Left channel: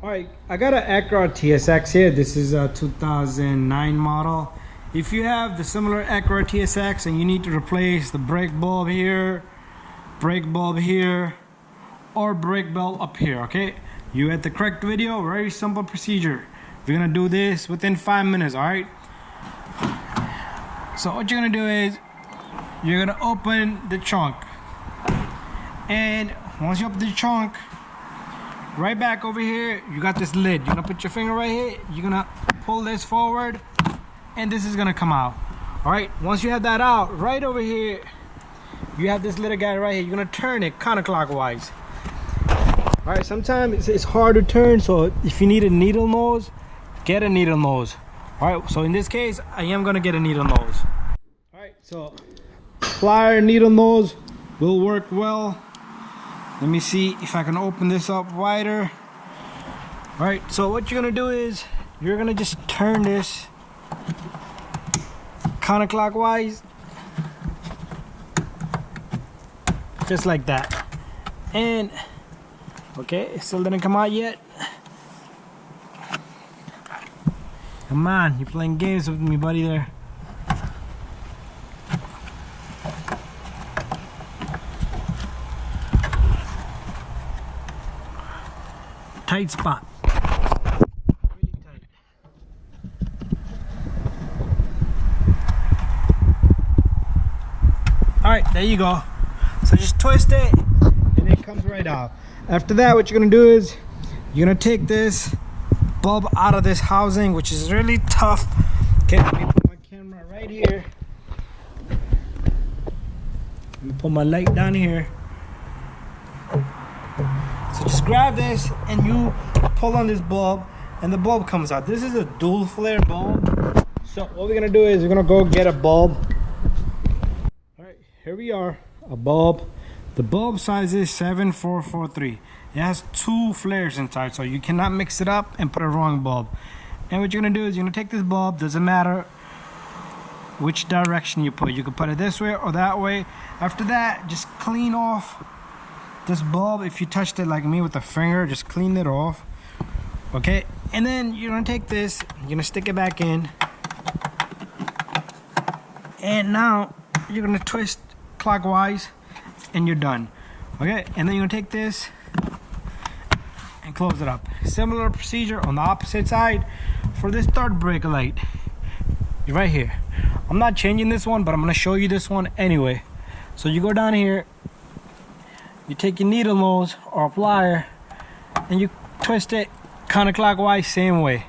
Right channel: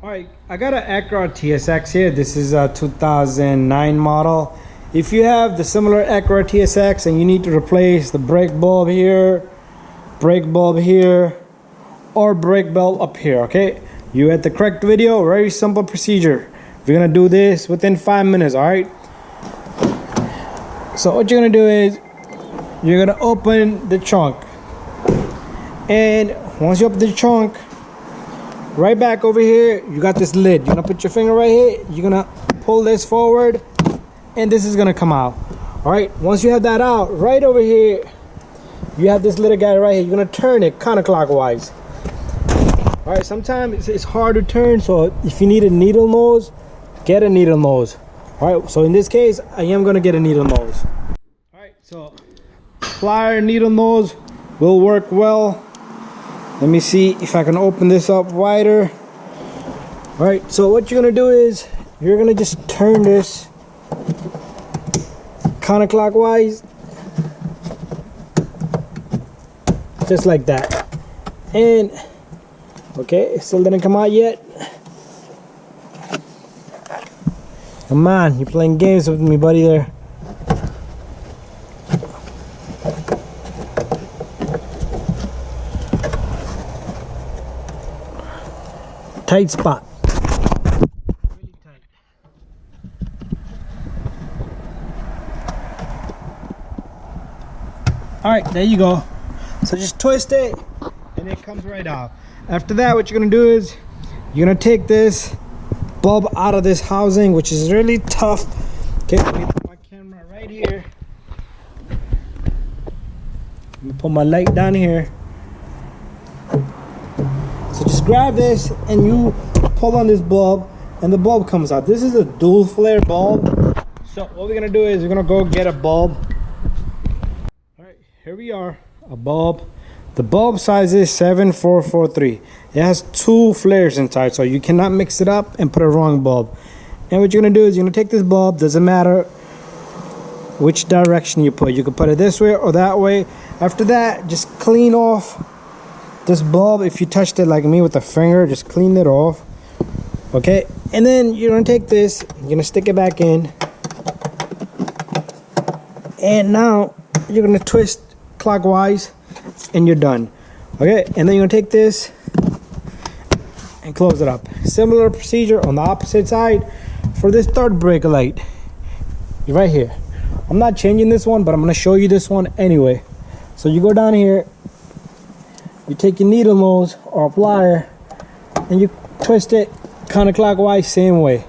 All right, I got an Acura TSX here. This is a 2009 model. If you have the similar Acura TSX and you need to replace the brake bulb here, or brake bulb up here, okay, you at the correct video. Very simple procedure. We're gonna do this within 5 minutes. All right, so what you're gonna do is you're gonna open the trunk, and once you open the trunk, right back over here, you got this lid. You're gonna put your finger right here. You're gonna pull this forward, and this is gonna come out. All right, once you have that out, right over here, you have this little guy right here. You're gonna turn it counterclockwise. All right, sometimes it's hard to turn, so if you need a needle nose, get a needle nose. All right, so in this case, I am gonna get a needle nose. All right, so plier needle nose will work well. Let me see if I can open this up wider. All right, so what you're gonna do is you're gonna just turn this counterclockwise, just like that. And okay, it still didn't come out yet. Come on, you're playing games with me, buddy there. Tight spot. Really tight. All right, there you go. So just twist it and it comes right out. After that, what you're gonna do is you're gonna take this bulb out of this housing, which is really tough. Okay, let me put my camera right here. Let me put my light down here. So just grab this and you pull on this bulb and the bulb comes out. This is a dual flare bulb. So what we're gonna do is we're gonna go get a bulb. All right, here we are, a bulb. The bulb size is 7443. It has 2 flares inside, so you cannot mix it up and put a wrong bulb. And what you're gonna do is you're gonna take this bulb, doesn't matter which direction you put. You can put it this way or that way. After that, just clean off this bulb. If you touched it like me with a finger, just clean it off. Okay, and then you're gonna take this, you're gonna stick it back in, and now you're gonna twist clockwise and you're done. Okay, and then you're gonna take this and close it up. Similar procedure on the opposite side for this third brake light. You're right here. I'm not changing this one, but I'm gonna show you this one anyway. So you go down here, you take your needle nose or a plier and you twist it counterclockwise, same way.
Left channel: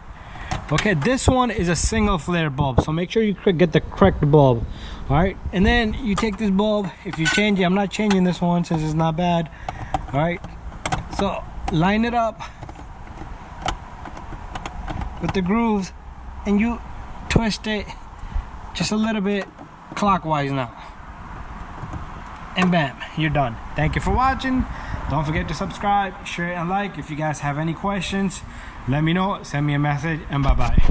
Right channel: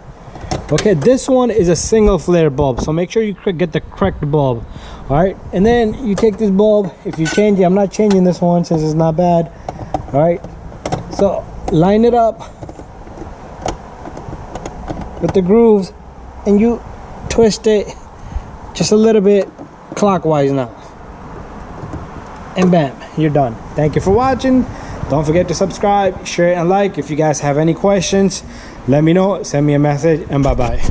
Okay, this one is a single flare bulb, so make sure you get the correct bulb. All right, and then you take this bulb. If you change it, I'm not changing this one since it's not bad. All right, so line it up with the grooves and you twist it just a little bit clockwise now. And bam, you're done. Thank you for watching. Don't forget to subscribe, share, and like. If you guys have any questions, let me know. Send me a message, and bye-bye.